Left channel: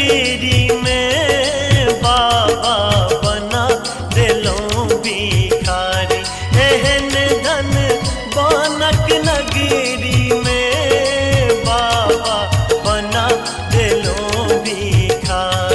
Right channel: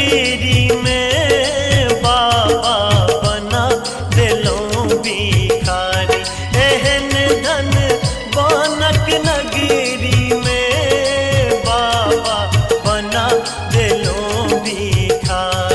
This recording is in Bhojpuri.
नगरी में बाबा बना दिलो भिखारी। एहन धन बानक नगरी में बाबा बना दिलो भिखारी।